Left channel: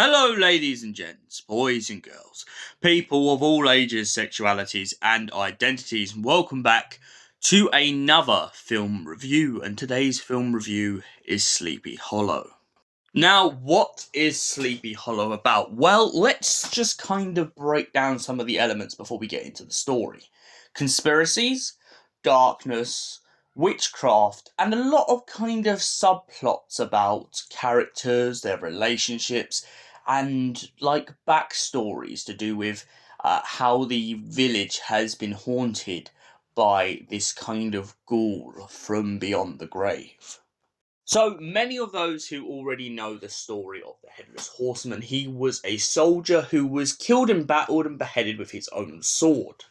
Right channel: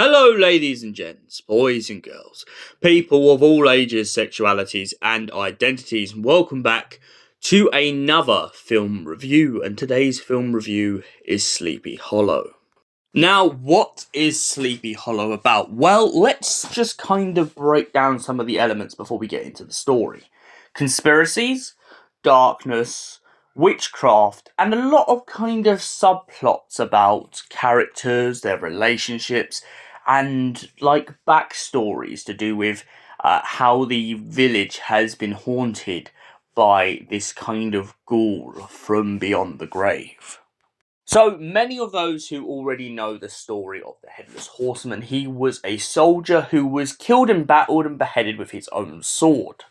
Hello, ladies and gents, boys and girls, people of all ages, sexualities, and identities, and welcome back to another film review. And today's film review is Sleepy Hollow. Now, what is Sleepy Hollow about? Well, let's just kind of break down some of the elements before we get into the story. Conspiracies, darkness, witchcraft, and a lot of kind of subplots about characters, their relationships, and like backstories to do with how the village has been haunted by this kind of ghoul from beyond the grave. So, many of those who already know the story of the Headless Horseman, he was a soldier who was killed in battle and beheaded with his own sword.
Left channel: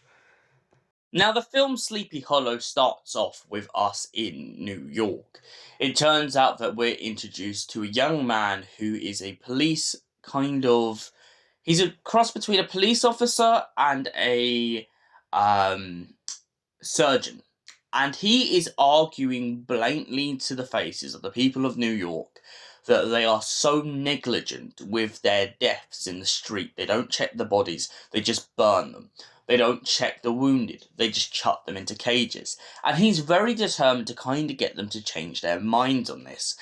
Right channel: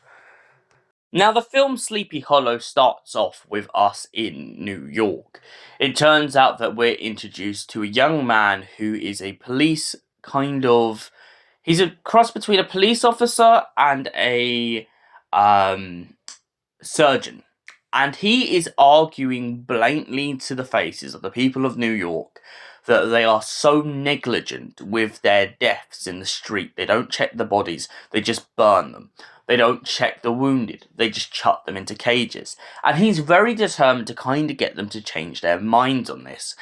Now, the film Sleepy Hollow starts off with us in New York. It turns out that we're introduced to a young man who is a police he's a cross between a police officer and a surgeon. And he is arguing blatantly to the faces of the people of New York that they are so negligent with their deaths in the street. They don't check the bodies, they just burn them. They don't check the wounded, they just chuck them into cages. And he's very determined to kind of get them to change their minds on this.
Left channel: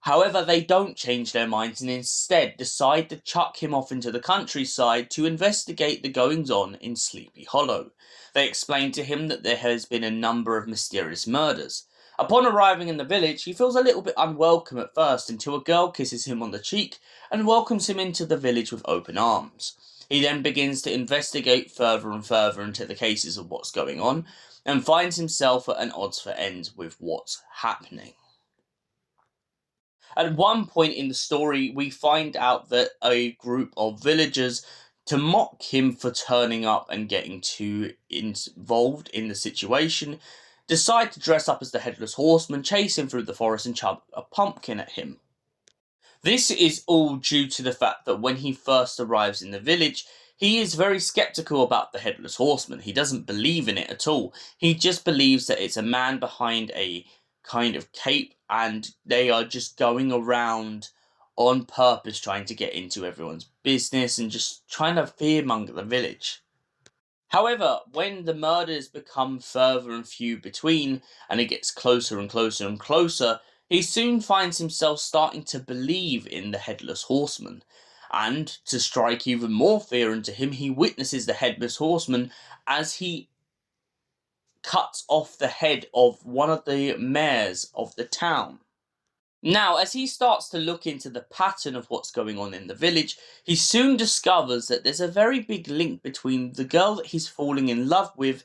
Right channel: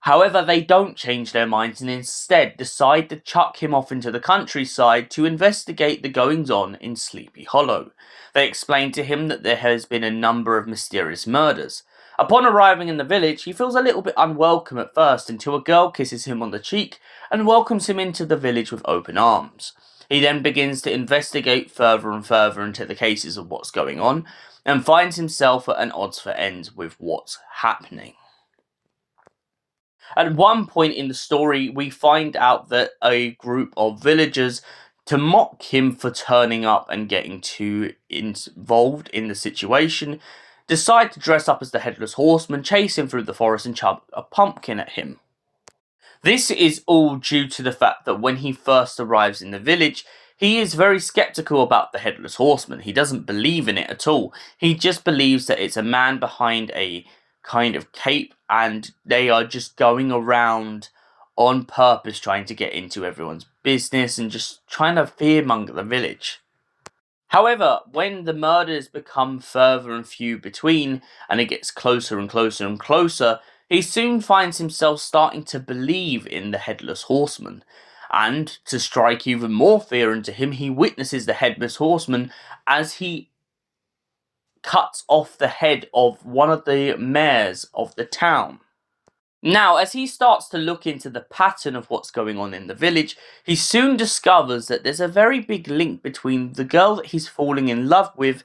However, they don't change their minds and instead decide to chuck him off into the countryside to investigate the goings-on in Sleepy Hollow. They explain to him that there has been a number of mysterious murders. Upon arriving in the village, he feels a little bit unwelcome at first until a girl kisses him on the cheek and welcomes him into the village with open arms. He then begins to investigate further and further into the cases of what's going on and finds himself at an odds for ends with what's happening. At one point in the story, we find out that a group of villagers, to mock him for turning up and getting too involved in the situation, decide to dress up as the Headless Horseman, chase him through the forest and chuck a pumpkin at him. This is all due to the fact that when he first arrives in the village, he is very skeptical about the Headless Horseman. He doesn't believe in it at all. He just believes that it's a man behind a kind of cape and they are just going around on purpose trying to get into everyone's business and just trying to fearmonger the village. However, when the murders become further and few between and it gets closer and closer and closer, he soon finds himself starting to believe in the Headless Horseman. And to strike even more fear into him, he witnesses the Headless Horseman as he cuts off the head of one of the mayors of the town. Now, as he starts to look into the pattern of what's going on in the village, he soon discovers that there's a very big link between the girl that he's falling in love with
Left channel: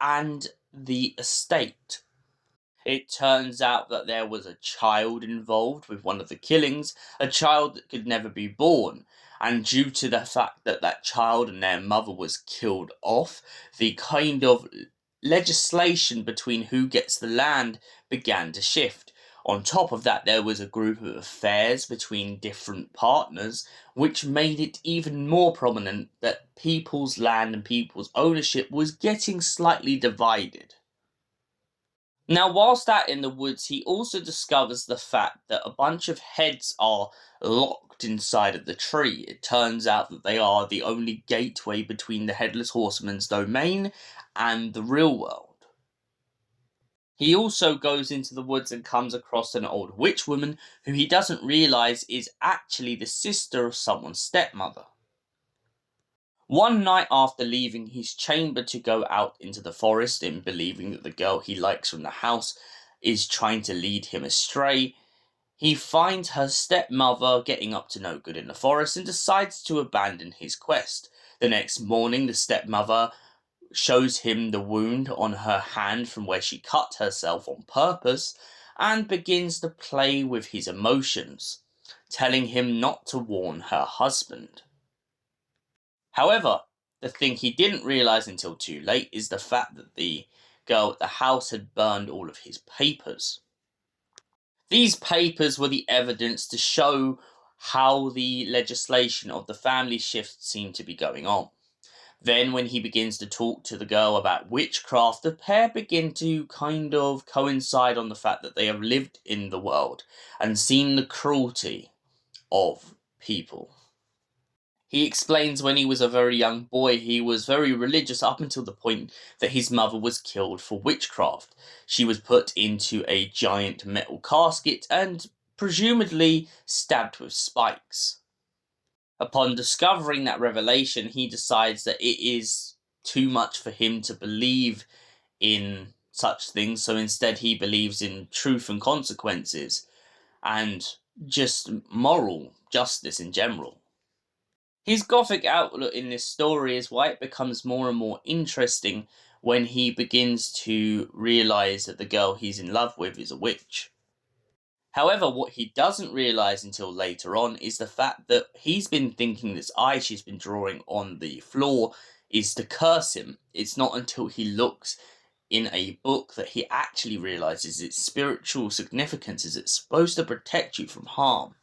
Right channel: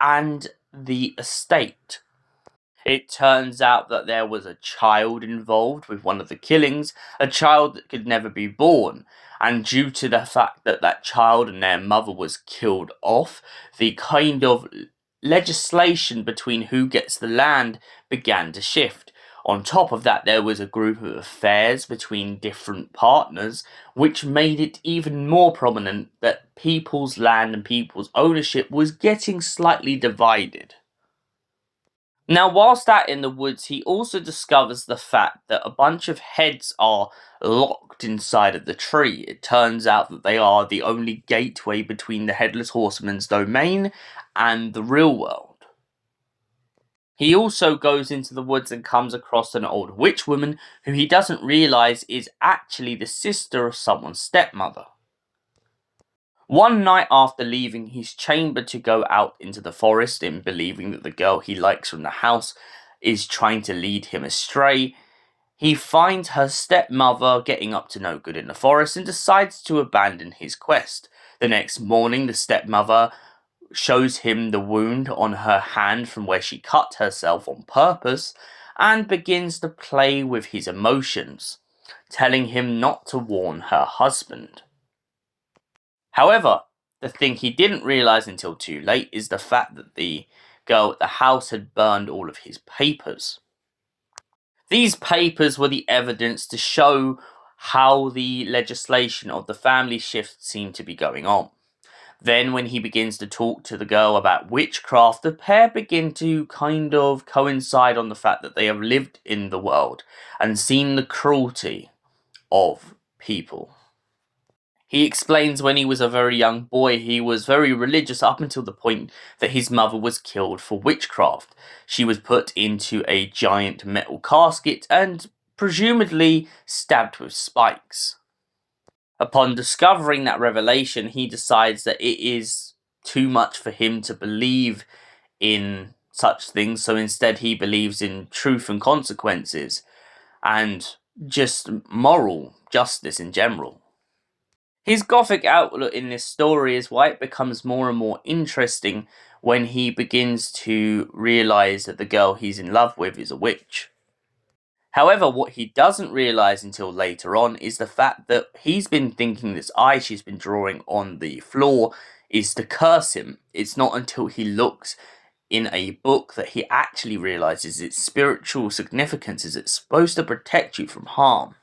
and the estate. It turns out that there was a child involved with one of the killings, a child that could never be born. And due to the fact that that child and their mother was killed off, the kind of legislation between who gets the land began to shift. On top of that, there was a group of affairs between different partners, which made it even more prominent that people's land and people's ownership was getting slightly divided. Now, whilst out in the woods, he also discovers the fact that a bunch of heads are locked inside of the tree. It turns out that they are the only gateway between the Headless Horseman's domain and the real world. He also goes into the woods and comes across an old witch woman who he doesn't realise is actually the sister of someone's stepmother. One night after leaving his chamber to go out into the forest in believing that the girl he likes from the house is trying to lead him astray, he finds her stepmother getting up to no good in the forest and decides to abandon his quest. The next morning, the stepmother shows him the wound on her hand from where she cut herself on purpose and begins to play with his emotions, telling him not to warn her husband. However, the thing he didn't realise until too late is the fact that the girl at the house had burned all of his papers. These papers were the evidence to show how the legislation of the family shift seemed to be going on. Then, when he begins to talk to the girl about witchcraft, the pair begin to kind of coincide on the fact that they have lived in the world and seen the cruelty of people. He explains when he was a very young boy, he was very religious up until the point that his mother was killed for witchcraft. She was put into a giant metal casket and presumably stabbed with spikes. Upon discovering that revelation, he decides that it is too much for him to believe in such things, so instead he believes in truth and consequences and just moral justice in general. His gothic outlook in this story is why it becomes more and more interesting when he begins to realise that the girl he's in love with is a witch. However, what he doesn't realise until later on is the fact that he's been thinking this eye she's been drawing on the floor is to curse him. It's not until he looks in a book that he actually realises its spiritual significance is it's supposed to protect you from harm.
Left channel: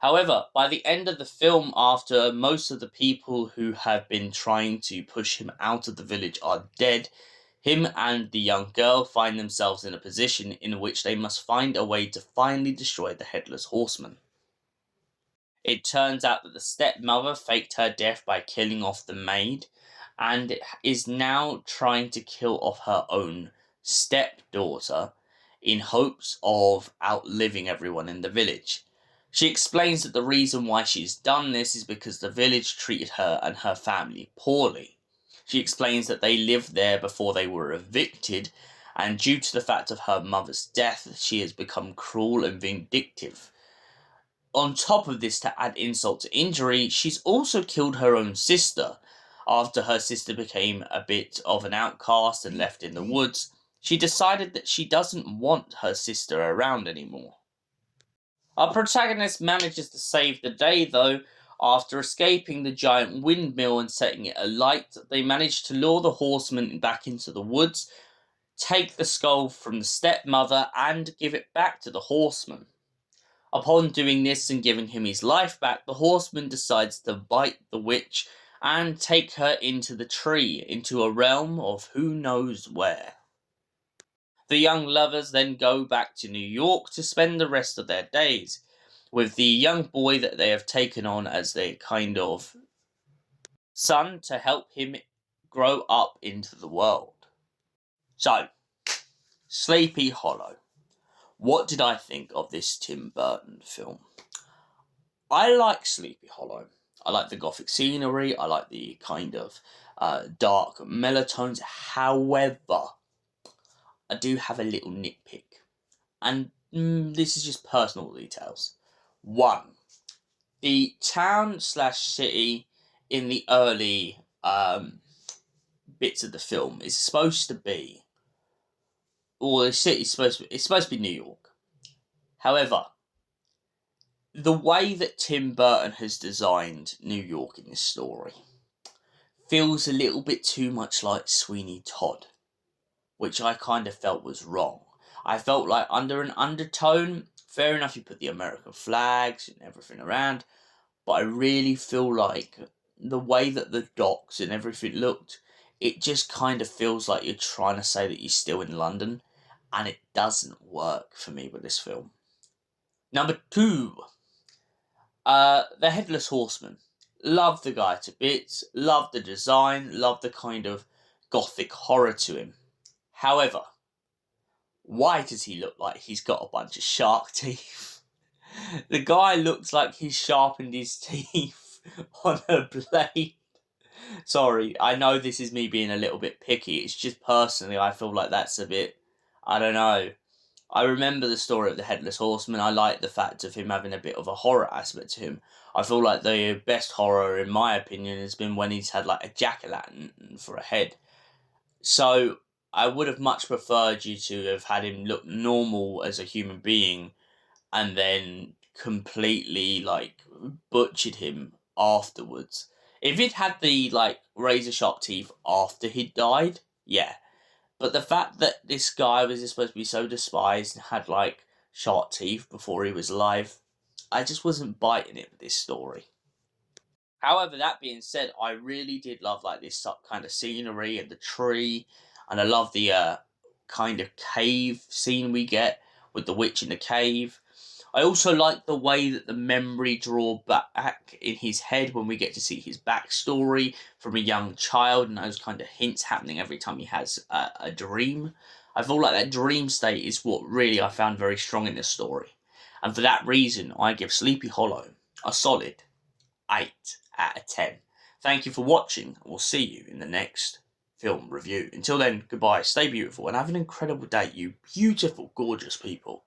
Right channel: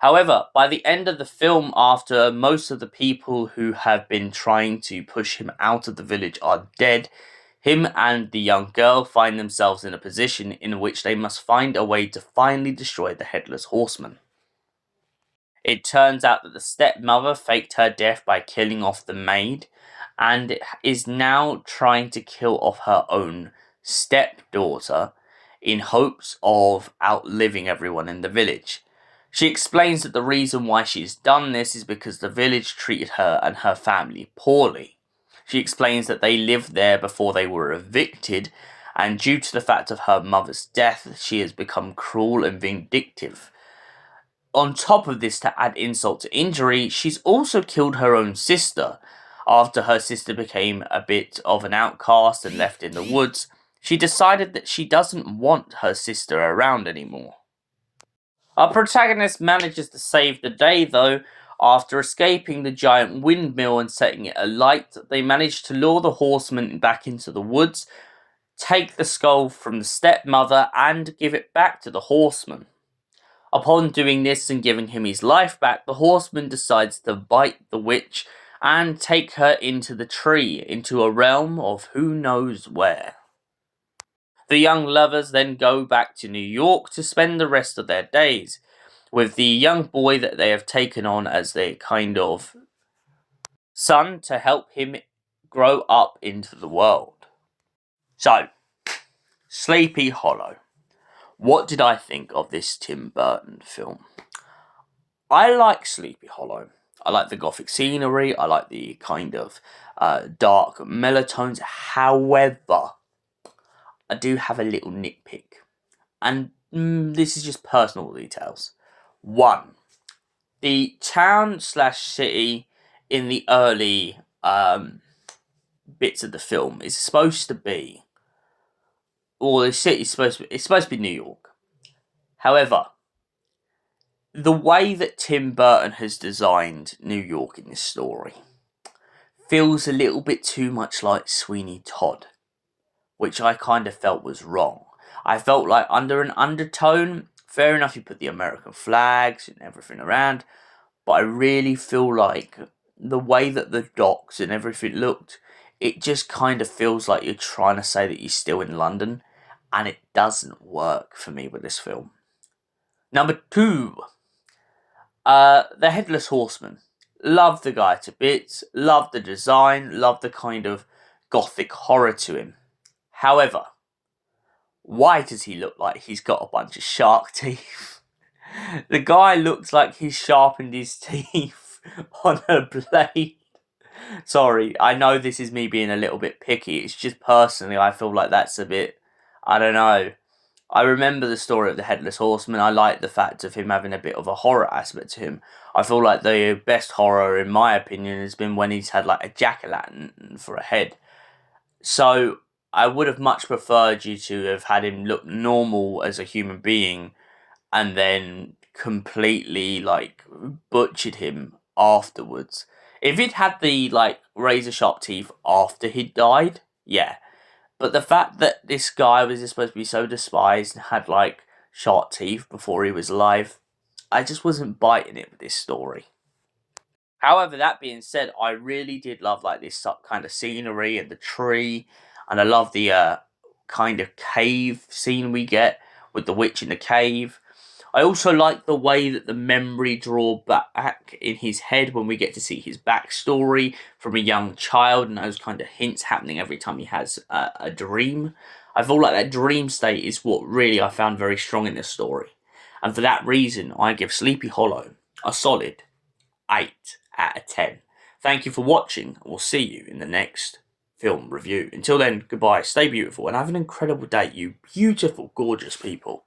However, by the end of the film, after most of the people who have been trying to push him out of the village are dead, him and the young girl find themselves in a position in which they must find a way to finally destroy the Headless Horseman. It turns out that the stepmother faked her death by killing off the maid, and is now trying to kill off her own stepdaughter in hopes of outliving everyone in the village. She explains that the reason why she's done this is because the village treated her and her family poorly. She explains that they lived there before they were evicted, and due to the fact of her mother's death, she has become cruel and vindictive. On top of this, to add insult to injury, she's also killed her own sister. After her sister became a bit of an outcast and left in the woods, she decided that she doesn't want her sister around anymore. Our protagonist manages to save the day though. After escaping the giant windmill and setting it alight, they manage to lure the horseman back into the woods, take the skull from the stepmother, and give it back to the horseman. Upon doing this and giving him his life back, the horseman decides to bite the witch and take her into the tree, into a realm of who knows where. The young lovers then go back to New York to spend the rest of their days with the young boy that they have taken on as their kind of son to help him grow up into the world. So, Sleepy Hollow. What did I think of this Tim Burton film? I like Sleepy Hollow. I like the gothic scenery. I like the kind of dark melatones. However, I do have a little nitpick. And this is just personal details. One, the town / city in the early bits of the film is supposed to be, or the city's supposed to be New York. However, the way that Tim Burton has designed New York in this story feels a little bit too much like Sweeney Todd, which I kind of felt was wrong. I felt like under an undertone, fair enough, you put the American flags and everything around, but I really feel like the way that the docks and everything looked, it just kind of feels like you're trying to say that you're still in London, and it doesn't work for me with this film. Number 2, the Headless Horseman. Love the guy to bits, love the design, love the kind of gothic horror to him. However, why does he look like he's got a bunch of shark teeth? The guy looks like he's sharpened his teeth on a blade. Sorry, I know this is me being a little bit picky. It's just personally, I feel like that's a bit, I don't know. I remember the story of the Headless Horseman. I like the fact of him having a bit of a horror aspect to him. I feel like the best horror, in my opinion, has been when he's had like a jack-o'-lantern for a head. So I would have much preferred you to have had him look normal as a human being and then completely like butchered him afterwards. If he'd had the like razor sharp teeth after he'd died, yeah. But the fact that this guy was supposed to be so despised and had like sharp teeth before he was alive, just wasn't biting it with this story. However, that being said, I really did love like this kind of scenery and the tree, and I love the kind of cave scene we get with the witch in the cave. I also like the way that the memory draw back in his head when we get to see his backstory from a young child, and those kind of hints happening every time he has a dream. I feel like that dream state is what really I found very strong in this story. And for that reason, I give Sleepy Hollow a solid 8 out of 10. Thank you for watching, and we'll see you in the next film review. Until then, goodbye, stay beautiful, and have an incredible day, you beautiful, gorgeous people.